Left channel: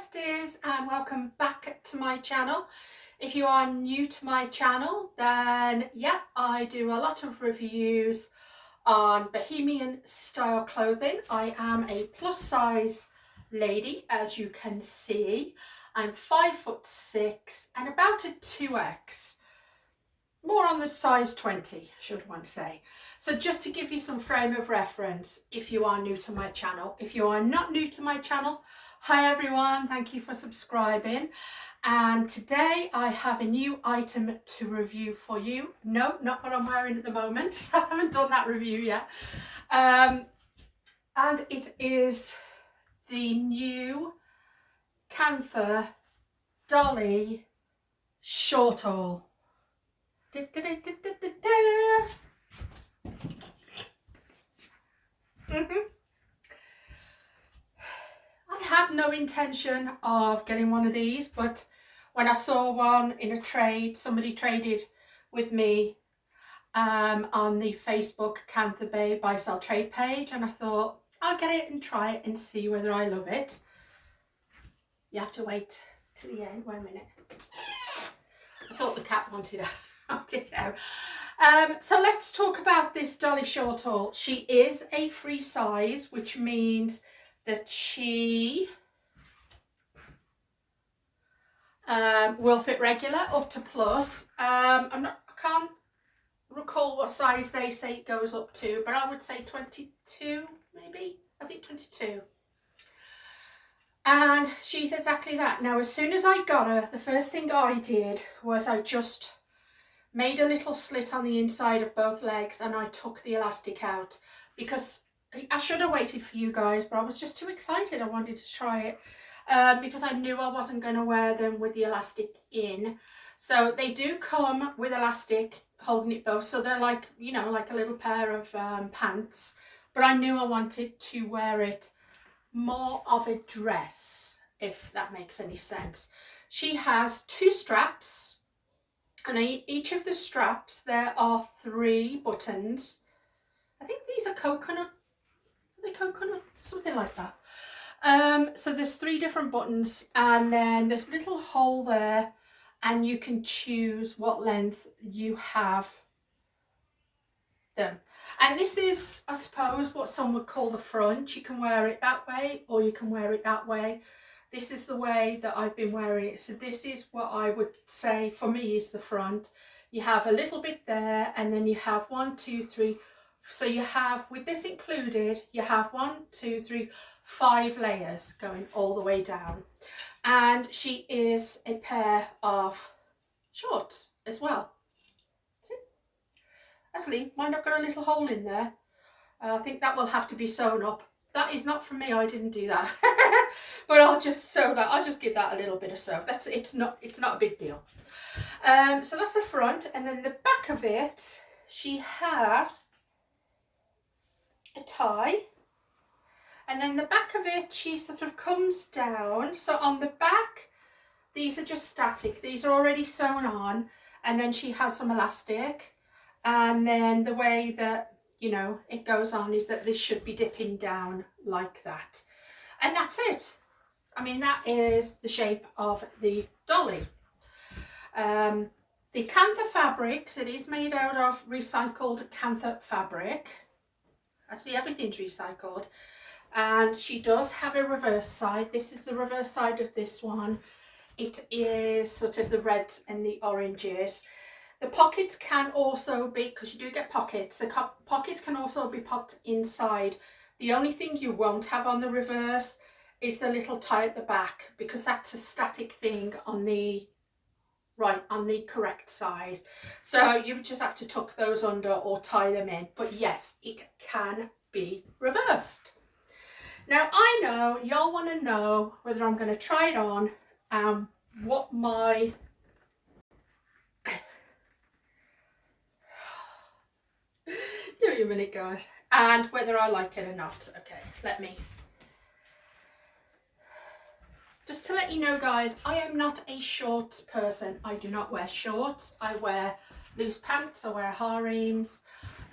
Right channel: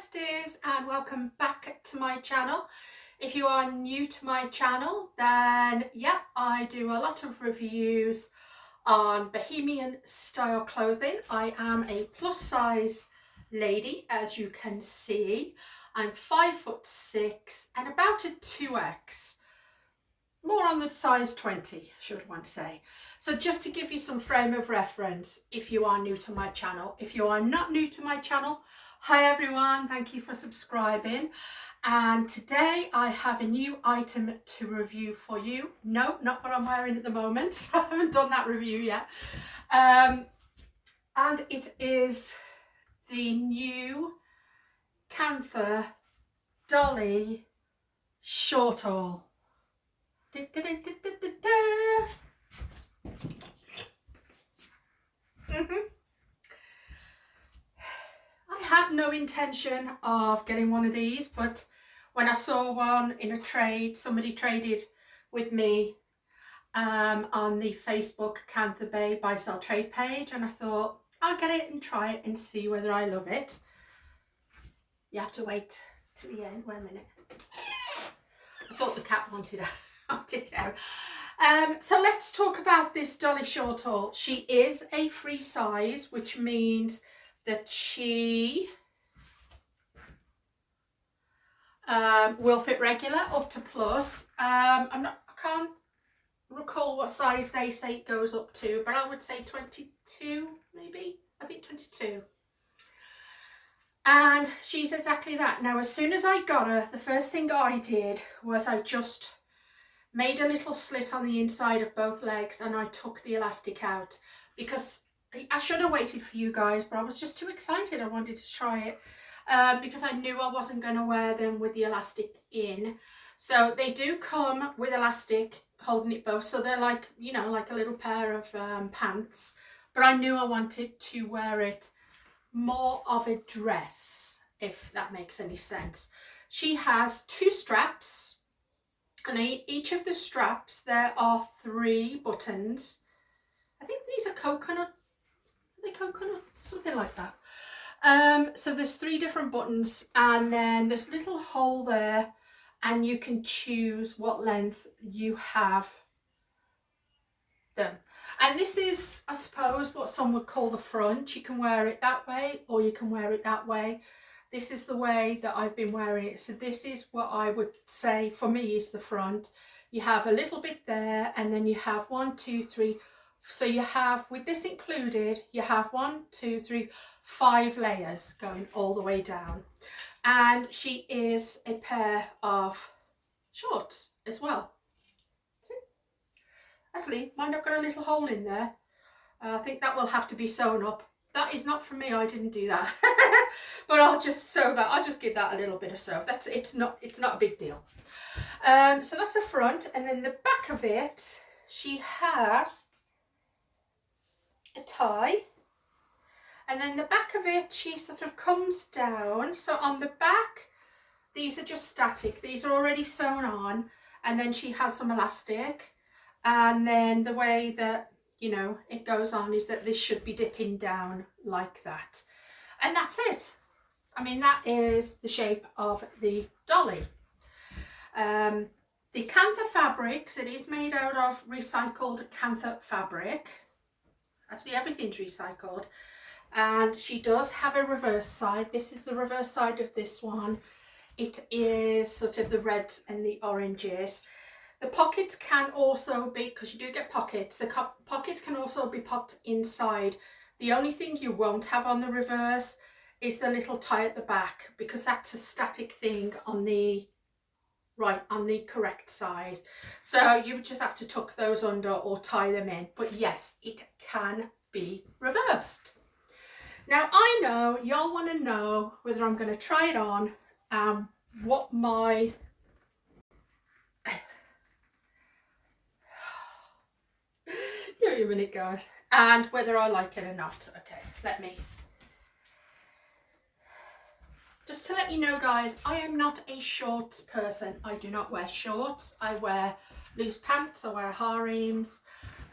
besties, and welcome back to my channel. If you are new to my channel, then yeah, I do a lot of reviews on bohemian style clothing. I am a plus size lady, as you can see. I'm 5'6" and about a 2X, more on the size 20 should one say. So just to give you some frame of reference if you are new to my channel. If you are not new to my channel, hi everyone, thank you for subscribing. And today I have a new item to review for you. No, not what I'm wearing at the moment. I haven't done that review yet. And it is the new Kantha Dolly Shortall. I had no intention of getting one of these, but when I saw one in a trade, somebody traded with me on the Facebook Kantha Bae Buy Sell Trade page, and I thought I'll get it and try it and see whether I love it. You have to wait to the end. Wait a minute. I thought the cat wanted it out. So let's talk about this Dolly Shortall. She is a free size, which means that she will fit regular up to plus. I can't recall what size they say it goes up to, but I would say 22 maybe. I think 22. And she's exactly that. Now, as soon as I got her, the first thing I did was I just made a little slit on the inside of both legs and I took the elastic out, because I should have waited for you guys, but I was just too excited. I wanted to try it because I knew I wasn't going to wear them with the elastic in. So they do come with elastic holding it both, so they're like, you know, like a little pair of pants, but I knew I wanted to wear it more of a dress, if that makes any sense. She has 2 straps, and each of the straps there are 3 buttons. I think these are coconut, are they coconut? Something like that. So there's 3 different buttons, and then there's a little hole there, and you can choose what length you have them. And this is, I suppose, what some would call the front. You can wear it that way or you can wear it that way. This is the way that I've been wearing it. So this is what I would say for me is the front. You have a little bit there, and then you have 1, 2, 3. So you have, with this included, you have 1, 2, 3, 5 layers going all the way down. And she is a pair of shorts as well. See? Actually, mine have got a little hole in there. I think that will have to be sewn up. That is not for me, I didn't do that. But I'll just sew that, I'll just give that a little bit of sew. It's not a big deal. So that's the front, and then the back of it, she has a tie, and then the back of it, she sort of comes down. So on the back, these are just static, these are already sewn on, and then she has some elastic, and then the way that, you know, it goes on is that this should be dipping down like that, and that's it. I mean, that is the shape of the dolly. The Kantha fabric, because it is made out of recycled Kantha fabric. Actually, everything's recycled. And she does have a reverse side. This is the reverse side of this one. It is sort of the reds and the oranges. The pockets can also be, because you do get pockets, the pockets can also be popped inside. The only thing you won't have on the reverse is the little tie at the back, because that's a static thing on the correct side. So you would just have to tuck those under or tie them in. But yes, it can be reversed. Now, I know y'all want to know whether I'm going to try it on and what my give me a minute, guys, and whether I like it or not. Okay, let me just to let you know, guys, I am not a shorts person. I do not wear shorts. I wear loose pants, I wear harems,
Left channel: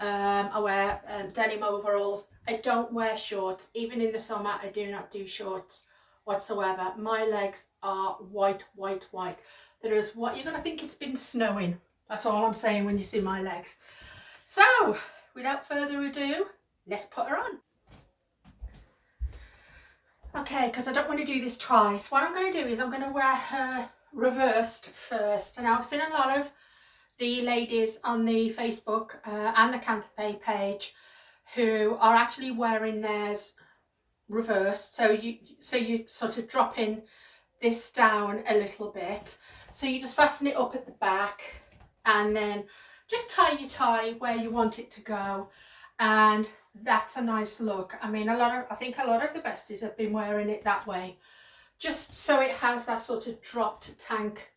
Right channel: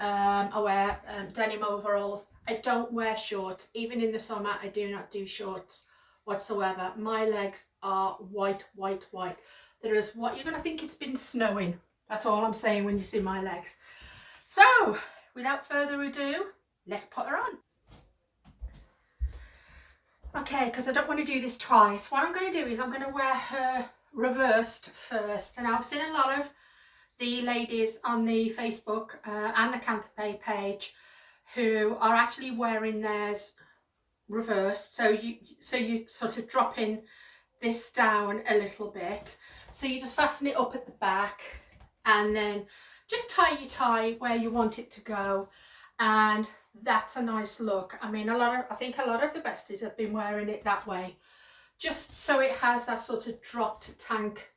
I wear denim overalls. I don't wear shorts. Even in the summer, I do not do shorts whatsoever. My legs are white, white, white. There is what you're going to think it's been snowing. That's all I'm saying when you see my legs. So without further ado, let's put her on. Okay, because I don't want to do this twice. What I'm going to do is I'm going to wear her reversed first. And I've seen a lot of the ladies on the Facebook and the Kantha Bae page who are actually wearing theirs reversed. So you sort of dropping this down a little bit. So you just fasten it up at the back and then just tie your tie where you want it to go, and that's a nice look. I mean, I think a lot of the besties have been wearing it that way, just so it has that sort of dropped tank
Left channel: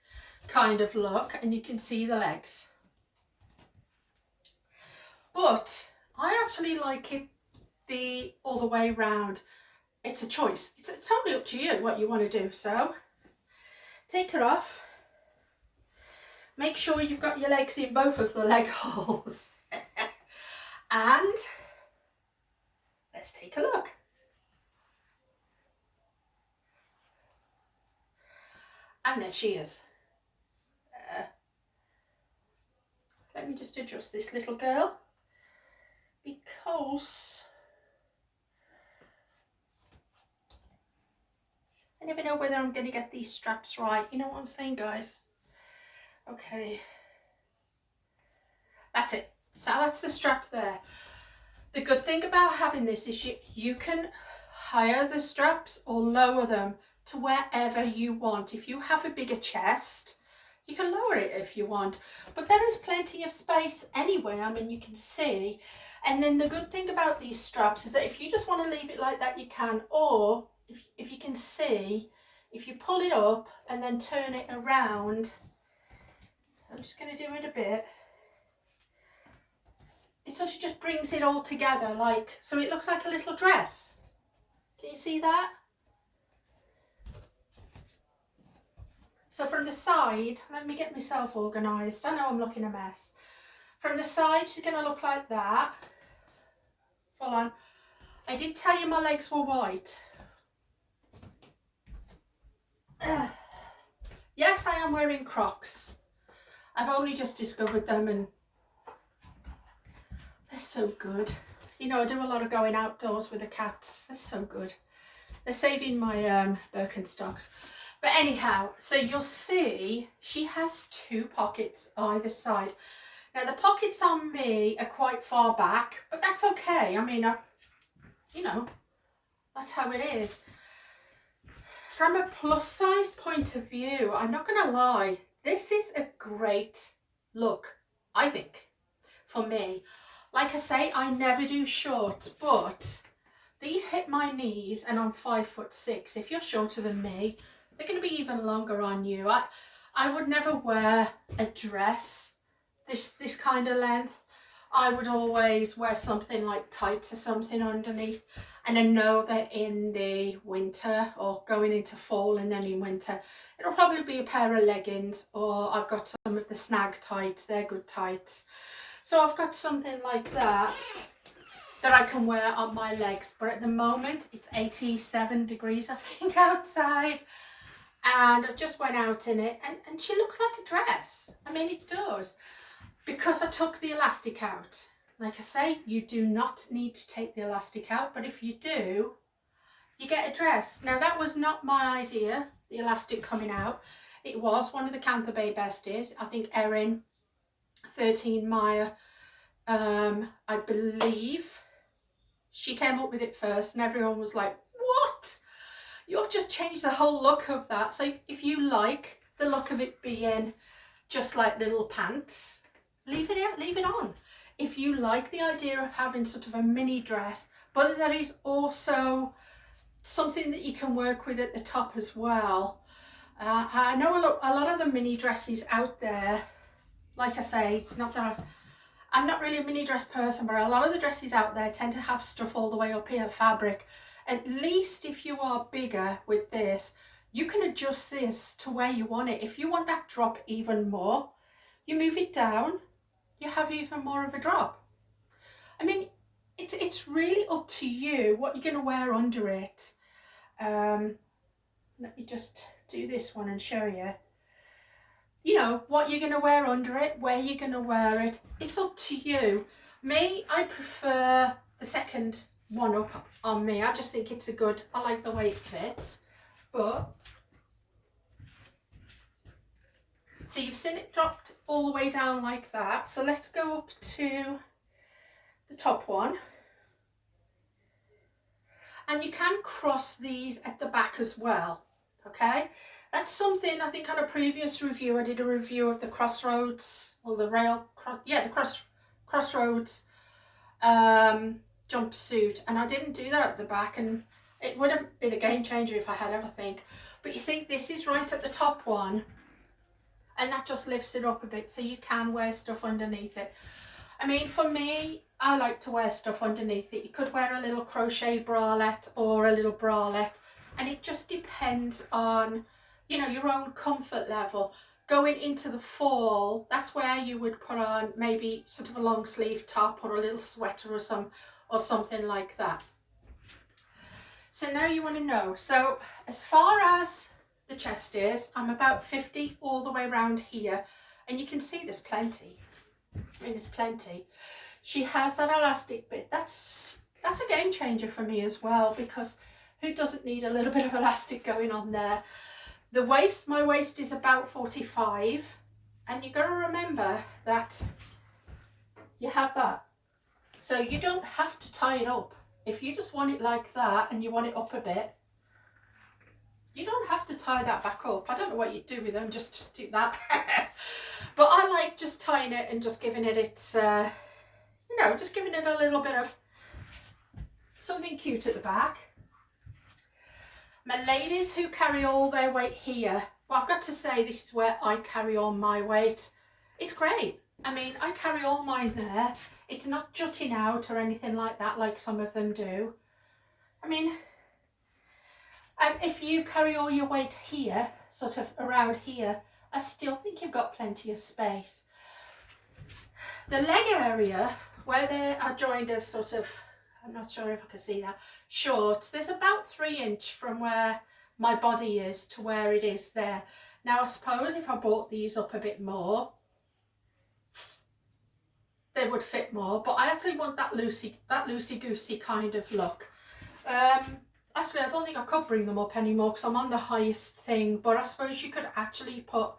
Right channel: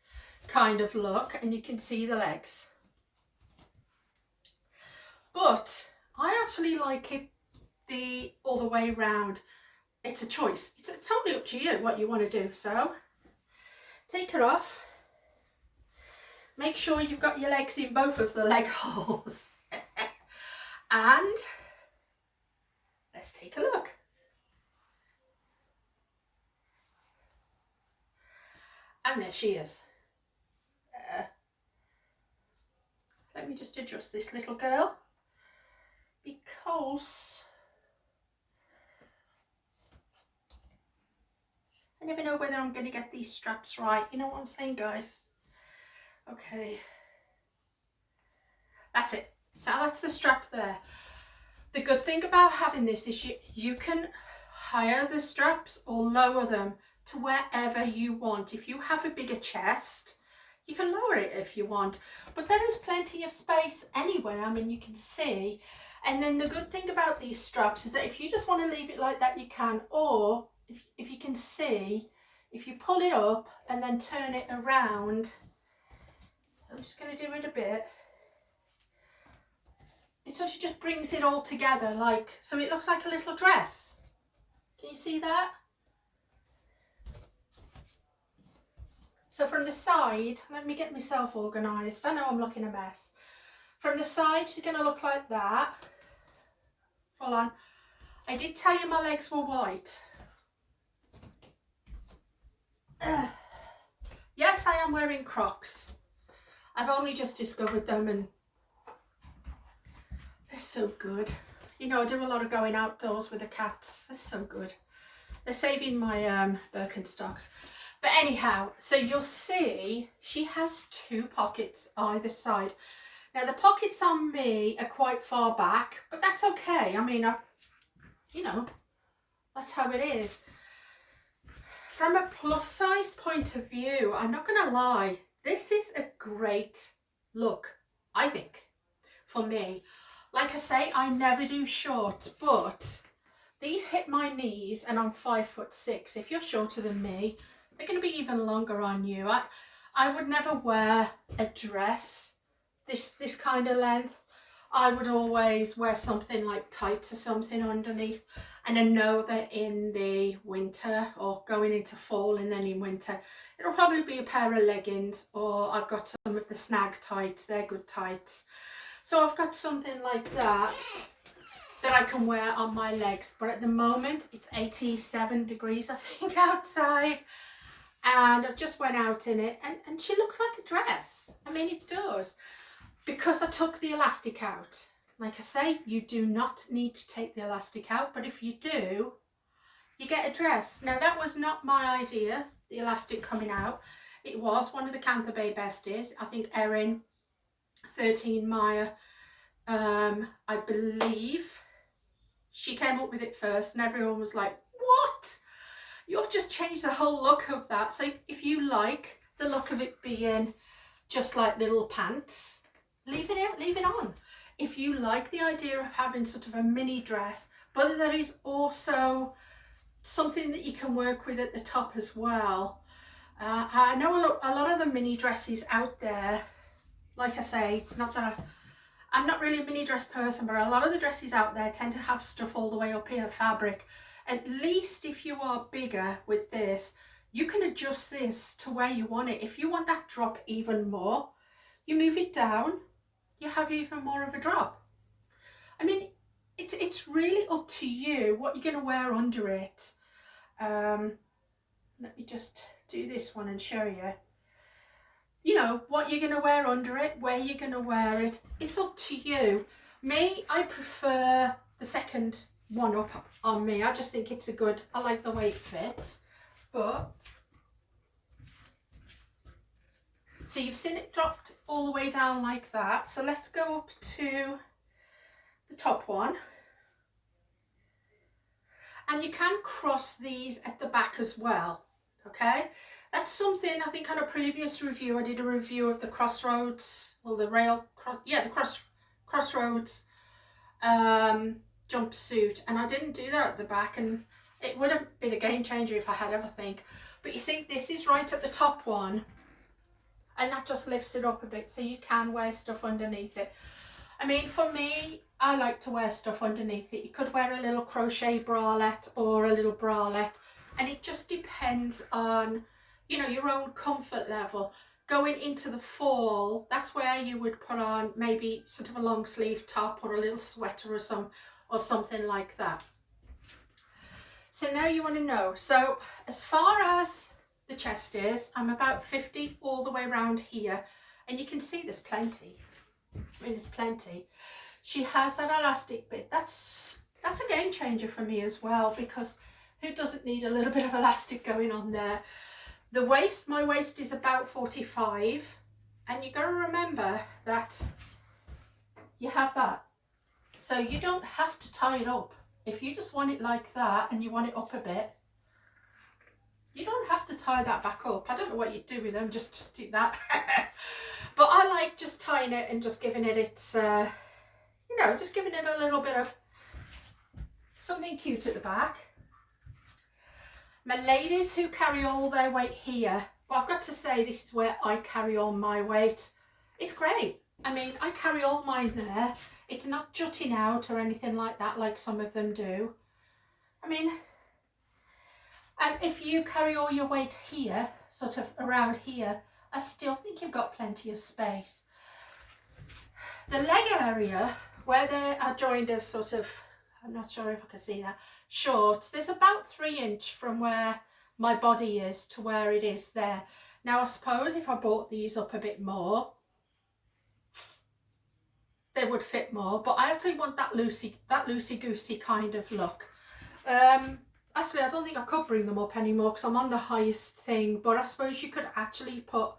kind of look, and you can see the legs. But I actually like it the other way round. It's a choice. It's totally up to you what you want to do. So take her off. Make sure you've got your legs in both of the leg holes. And let's take a look. And there she is. Let me just adjust this little girl, because I never know whether I'm going to get these straps right. You know what I'm saying, guys? Okay. That's it. So that's the strap there. The good thing about having this is you can higher the straps or lower them to wherever you want. If you have a bigger chest, you can lower it if you want. But there is plenty of space anyway. I mean, you can see. And then the good thing about these straps is that if you just want to leave it like that, you can. Or if you can see, if you pull it up and then turn it around, I'm just going to do it a bit. It sort of just brings it all together, like, so it looks like a little dress. Can you see that? So from the side, let me get myself organised. I know I'm looking a mess. From the side, she's going to look like that. Full on. I did tell you my legs were white. Yes, I am wearing Crocs. I've only just discovered them and they're so good. You know, I do a lot of going outdoors with the cats. They're so good. They're saving my Birkenstocks. But anyhow, so you'll see she has two pockets either side. Now the pockets on me are quite far back, but that's okay. I mean, you know, that's how it is. From a plus size point of view, I'm not going to lie, this is a great look, I think, for me. Like I say, I never do shorts, but these hit my knees and I'm 5'6". If you're shorter than me, they're going to be even longer on you. I would never wear a dress this kind of length. I would always wear something like tights or something underneath. And I know that in the winter or going into fall and then in winter, it'll probably be a pair of leggings, or I've got some of the snag tights. They're good tights. So I've got something like that I can wear on my legs. But at the moment, it's 87 degrees, I think, outside. And I've just went out in it, and she looks like a dress. I mean, it does. Because I took the elastic out. Like I say, you do not need to take the elastic out, but if you do, you get a dress. Now, that was not my idea, the elastic coming out. It was one of the Kantha Bae besties. I think Erin, 13 Maya, I believe, she came up with it first, and everyone was like, what? You've just changed the whole look of that. So if you like the look of it being just like little pants, leave it on. If you like the idea of having sort of a mini dress, but there is also something that you can work with at the top as well. I know a lot of the mini dresses out there, like I say, it's not that I'm not really a mini dress person, but a lot of the dresses out there tend to have stuff all the way up here, fabric. At least if you are bigger with this, you can adjust this to where you want it. If you want that drop even more, you move it down, you have even more of a drop. I mean, it's really up to you what you're going to wear under it. let me just do this one and show you. You know, what you're going to wear under it, where you're going to wear it. It's up to you. Me, I prefer the second one up on me. I just think it's a good, I like the way it fits. But, so you've seen it dropped all the way down like that. So let's go up to the top one. And you can cross these at the back as well, okay? That's something, I think on a previous review, I did a review of the Crossroads, or the Crossroads jumpsuit, and I didn't do that at the back, and it would have been a game changer if I had everything. But you see, this is right at the top one, and that just lifts it up a bit, so you can wear stuff underneath it. I mean, for me, I like to wear stuff underneath it. You could wear a little crochet bralette or a little bralette, and it just depends on, you know, your own comfort level. Going into the fall, that's where you would put on maybe sort of a long sleeve top or a little sweater or something like that. So now you want to know, so as far as the chest is, I'm about 50 all the way around here, and you can see there's plenty. I mean, there's plenty. She has that elastic bit. That's a game changer for me as well, because who doesn't need a little bit of elastic going on there? The waist, my waist is about 45, and you got to remember that you have that, so you don't have to tie it up. If you just want it like that and you want it up a bit, you don't have to tie that back up. I don't know what you'd do with them, just do that. But I like just tying it and just giving it its, you know, just giving it a little bit of something cute at the back. My ladies who carry all their weight here, well, I've got to say, this is where I carry all my weight. It's great. I mean, I carry all mine there. It's not jutting out or anything like that, like some of them do. I mean, if you carry all your weight here, sort of around here, I still think you've got plenty of space. The leg area, where they are joined as sort of, I'm not sure if I can see that, shorts, there's about 3 inches from where my body is to where it is there. Now I suppose if I brought these up a bit more, they would fit more, but I actually want that loosey-goosey kind of look. Actually, I don't think I could bring them up anymore because I'm on the highest thing, but I suppose you could actually put,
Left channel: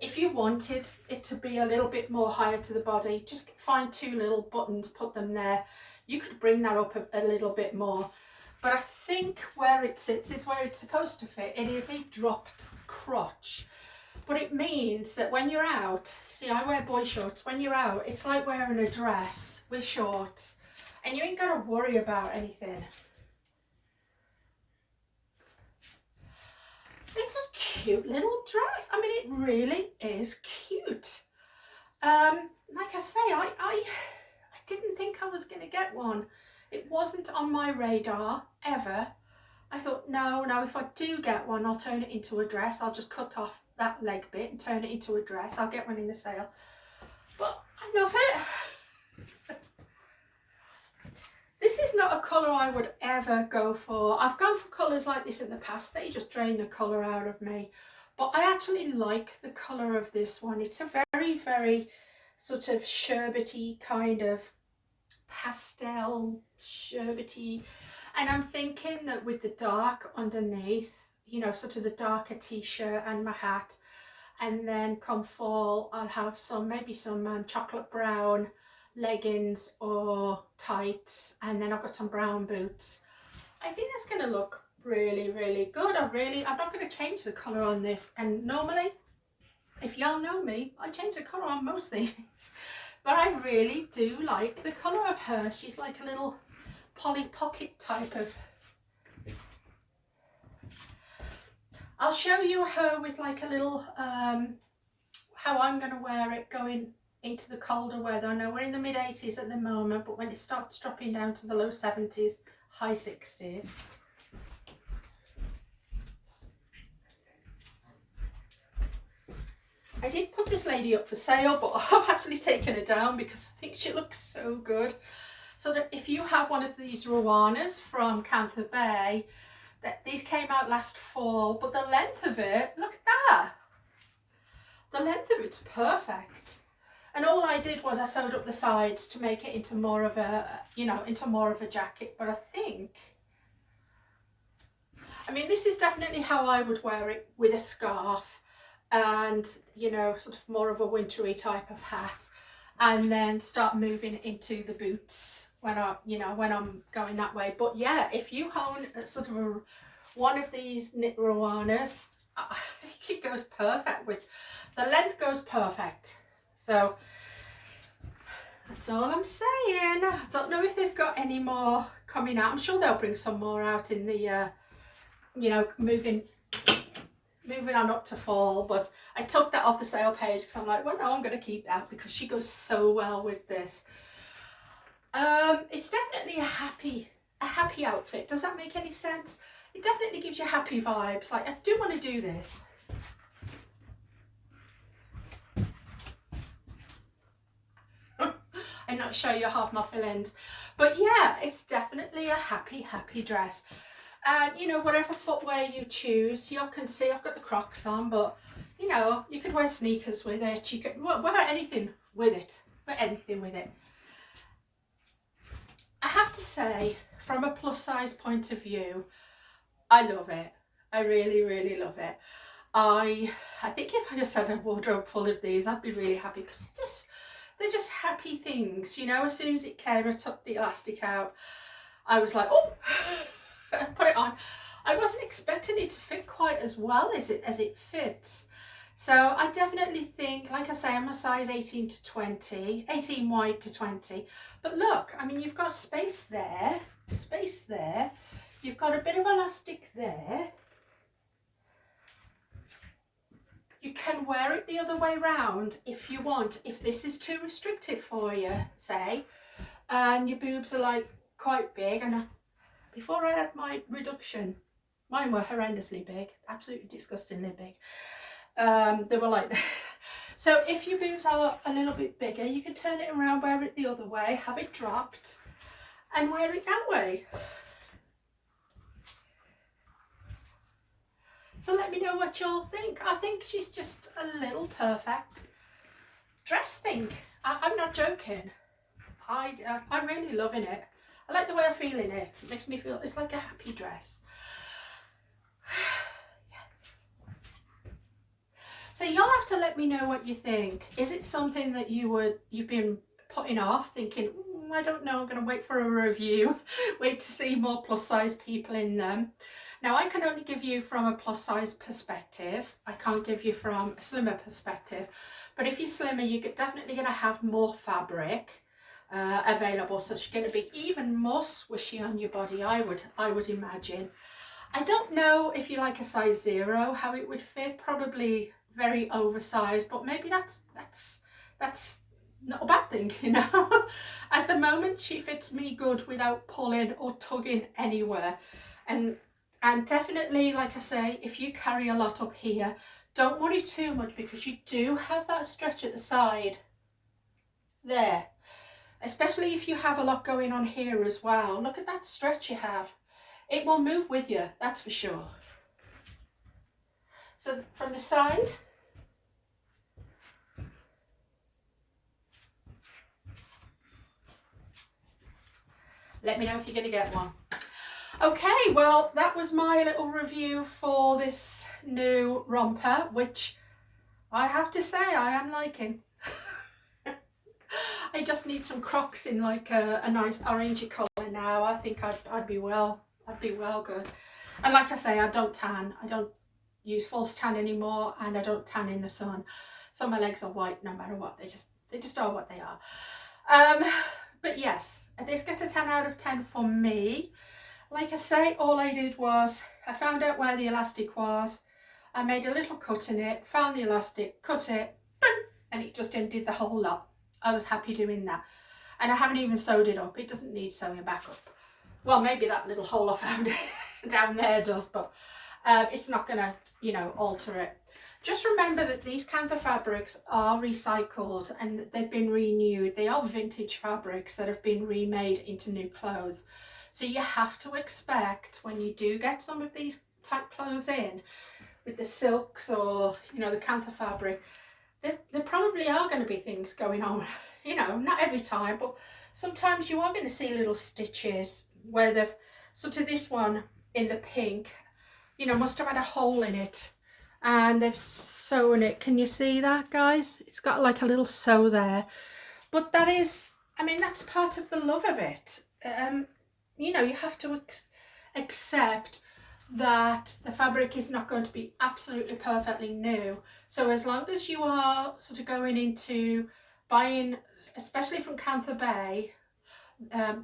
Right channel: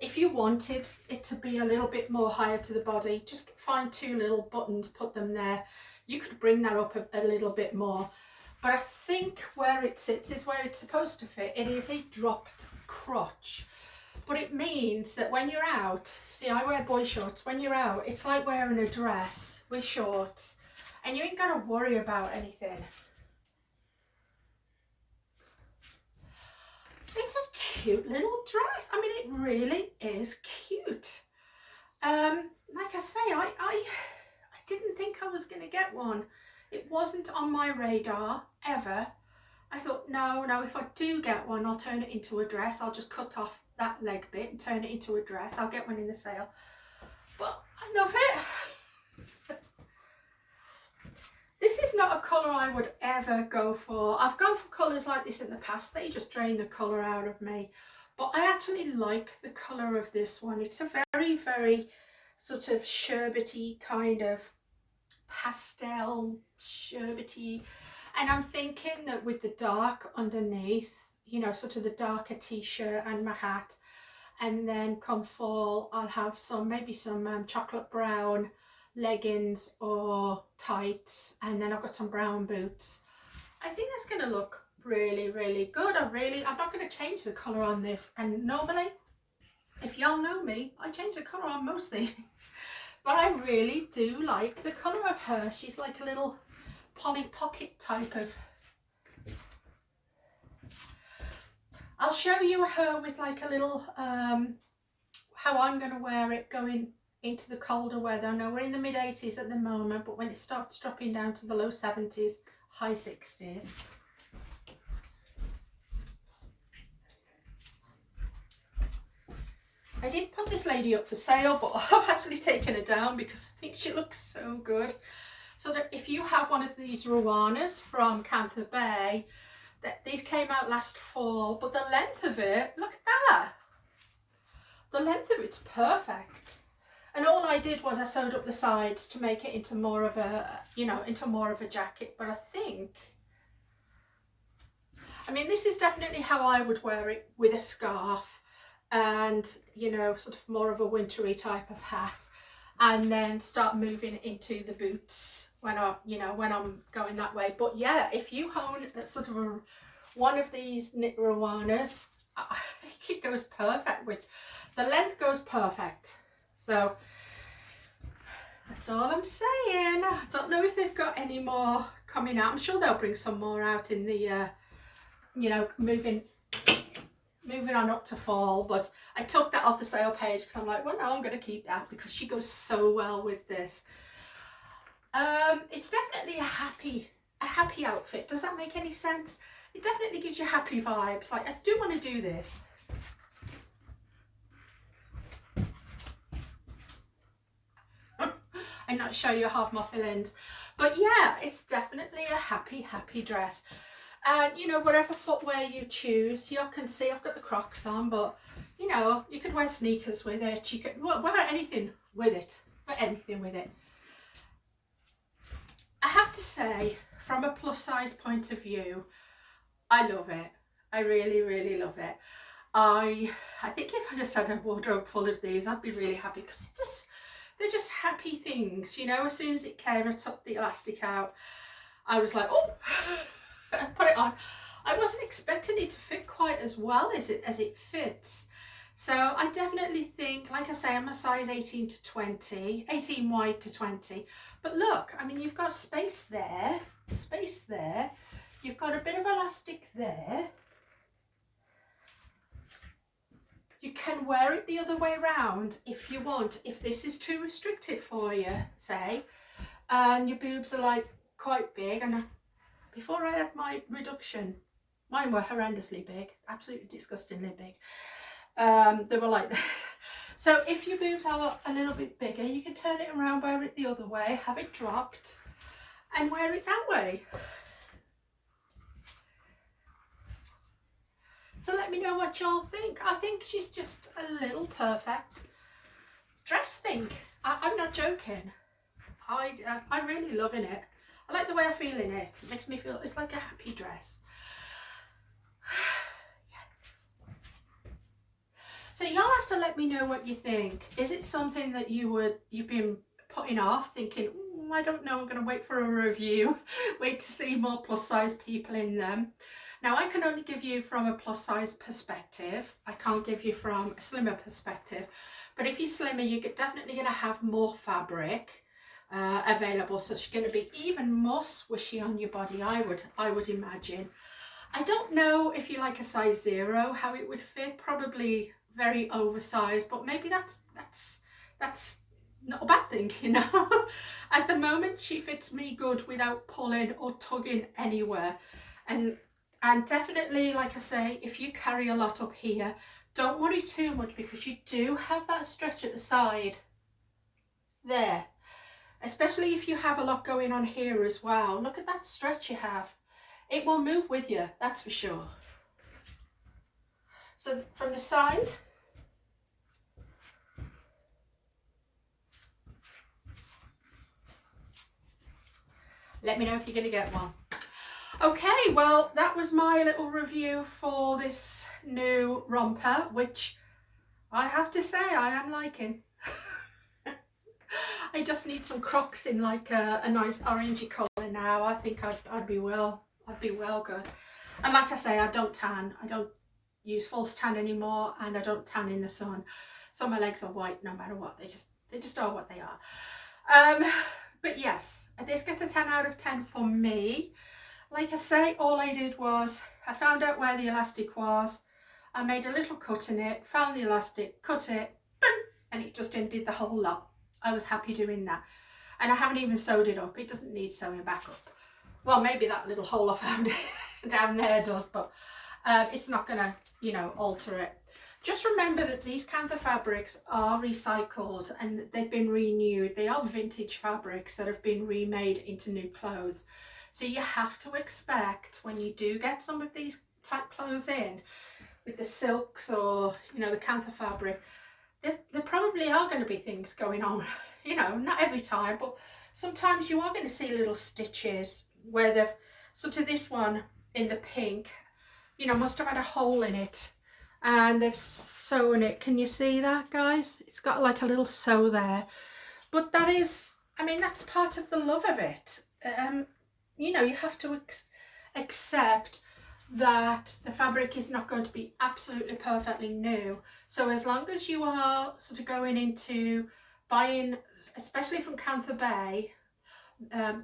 if you wanted it to be a little bit more higher to the body, just find 2 little buttons, put them there. You could bring that up a little bit more. But I think where it sits is where it's supposed to fit. It is a dropped crotch. But it means that when you're out, see, I wear boy shorts, when you're out, it's like wearing a dress with shorts, and you ain't got to worry about anything. It's a cute little dress. I mean, it really is cute. Like I say, I didn't think I was going to get one. It wasn't on my radar ever. I thought, no, if I do get one, I'll turn it into a dress. I'll just cut off that leg bit and turn it into a dress. I'll get one in the sale. But I love it. This is not a colour I would ever go for. I've gone for colours like this in the past. They just drain the colour out of me. But I actually like the colour of this one. It's a very, very sort of sherbety kind of pastel, sherbety. And I'm thinking that with the dark underneath, you know, sort of the darker t-shirt and my hat, and then come fall, I'll have some, maybe some chocolate brown leggings or tights, and then I've got some brown boots. I think that's going to look really, really good. I'm not going to change the colour on this, and normally, if y'all know me, I change the colour on most things, but I really do like the colour of her. She's like a little Polly Pocket type of. I'll show you her with like a little how I'm going to wear it going into the colder weather. I know we're in the mid 80s at the moment, but when it starts dropping down to the low 70s, high 60s. I did put this lady up for sale, but I've actually taken her down because I think she looks so good. So that if you have one of these Ruanas from Kantha Bae, These came out last fall, but the length of it, look at that. The length of it's perfect. And all I did was I sewed up the sides to make it into more of a, you know, into more of a jacket. But I mean, this is definitely how I would wear it with a scarf and, you know, sort of more of a wintry type of hat, and then start moving into the boots when I'm going that way. But yeah, if you own sort of one of these knit Rwanas, I think it goes perfect with, the length goes perfect. So that's all I'm saying. I don't know if they've got any more coming out. I'm sure they'll bring some more out in the, you know, moving on up to fall. But I took that off the sale page because I'm like, well, no, I'm going to keep that because she goes so well with this. It's definitely a happy outfit. Does that make any sense? It definitely gives you happy vibes. Like, I do want to do this. And not show you half my fillings, but yeah, it's definitely a happy dress. And you know, whatever footwear you choose, you can see I've got the Crocs on, but you know, you could wear sneakers with it, you could wear anything with it, I have to say, from a plus size point of view, I love it. I really love it. I think if I just had a wardrobe full of these, I'd be really happy, because they're just happy things, you know. As soon as it came, I took the elastic out. I was like, oh, put it on. I wasn't expecting it to fit quite as well as it fits. So I definitely think, like I say, I'm a size 18 to 20, 18 wide to 20. But look, I mean, you've got space there. You've got a bit of elastic there. You can wear it the other way round if you want. If this is too restrictive for you, say, and your boobs are like quite big. And before I had my reduction, mine were horrendously big, absolutely disgustingly big. They were like that. So if your boobs are a little bit bigger, you can turn it around, wear it the other way, have it dropped, and wear it that way. So let me know what y'all think. I think she's just a little perfect dress thing. I'm not joking. I'm really loving it. I like the way I feel in it. It makes me feel, it's like a happy dress. So y'all have to let me know what you think. Is it something that you've been putting off, thinking, I don't know, I'm going to wait for a review, wait to see more plus size people in them. Now, I can only give you from a plus size perspective. I can't give you from a slimmer perspective. But if you're slimmer, you're definitely going to have more fabric available. So she's going to be even more swishy on your body, I would imagine. I don't know if you like a size 0, how it would fit. Probably very oversized, but maybe that's not a bad thing, you know. At the moment, she fits me good without pulling or tugging anywhere. And definitely, like I say, if you carry a lot up here, don't worry too much, because you do have that stretch at the side there, especially if you have a lot going on here as well. Look at that stretch you have. It will move with you, that's for sure. So from the side, let me know if you're going to get one. Okay, well, that was my little review for this new romper, which I have to say I am liking. I just need some Crocs in like a nice orangey colour now. I think I'd be well good. And like I say, I don't tan. I don't use false tan anymore, and I don't tan in the sun. So my legs are white no matter what. They just are what they are. But yes, this gets a 10 out of 10 for me. Like I say, all I did was I found out where the elastic was. I made a little cut in it, found the elastic, cut it, boom, and it just undid the whole lot. I was happy doing that. And I haven't even sewed it up. It doesn't need sewing back up. Well, maybe that little hole I found down there does, but it's not going to, you know, alter it. Just remember that these Kantha fabrics are recycled and they've been renewed. They are vintage fabrics that have been remade into new clothes. So you have to expect when you do get some of these type clothes in with the silks or, you know, the Kantha fabric, there probably are going to be things going on, you know, not every time, but sometimes you are going to see little stitches where they've, so to this one in the pink, you know, must have had a hole in it and they've sewn it. Can you see that, guys? It's got like a little sew there, but that is, I mean, that's part of the love of it. You know, you have to accept that the fabric is not going to be absolutely perfectly new. So as long as you are sort of going into buying, especially from Kantha Bae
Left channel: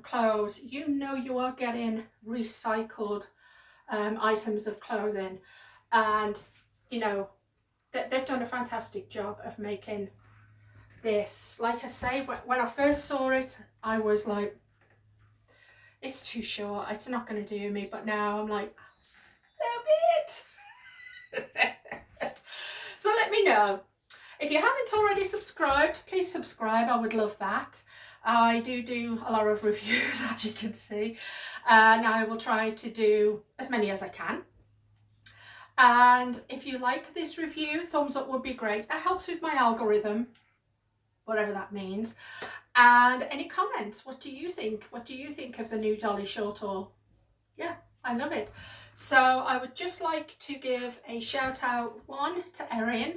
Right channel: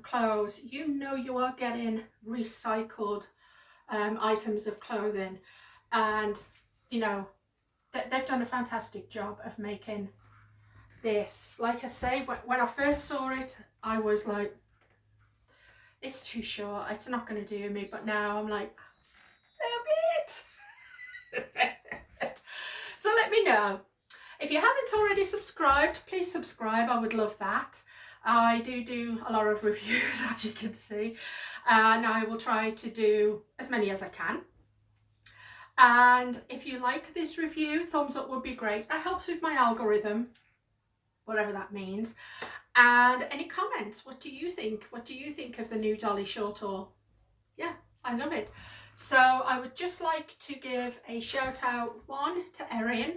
clothes, you know you are getting recycled items of clothing, and you know they've done a fantastic job of making this. Like I say, when I first saw it, I was like, it's too short, it's not going to do me, but now I'm like, love it. So let me know. If you haven't already subscribed, please subscribe, I would love that. I do a lot of reviews, as you can see, and I will try to do as many as I can. And if you like this review, thumbs up would be great. That helps with my algorithm, whatever that means. And any comments, what do you think? What do you think of the new Dolly Shortall? Yeah, I love it. So I would just like to give a shout out, one, to Erin,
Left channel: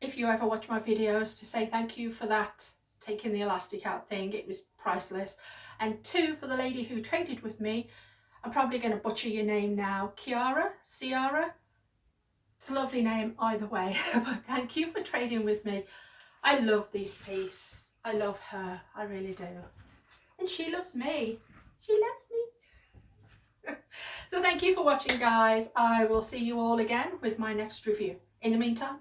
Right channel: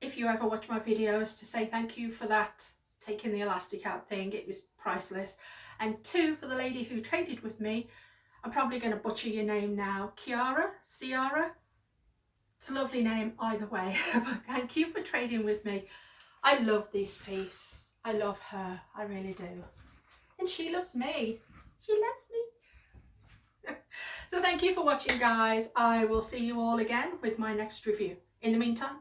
if you ever watch my videos, to say thank you for that, taking the elastic out thing, it was priceless. And two, for the lady who traded with me, I'm probably going to butcher your name now, Ciara. It's a lovely name either way, but thank you for trading with me. I love this piece. I love her, I really do. And she loves me. She loves me. So thank you for watching, guys. I will see you all again with my next review. In the meantime,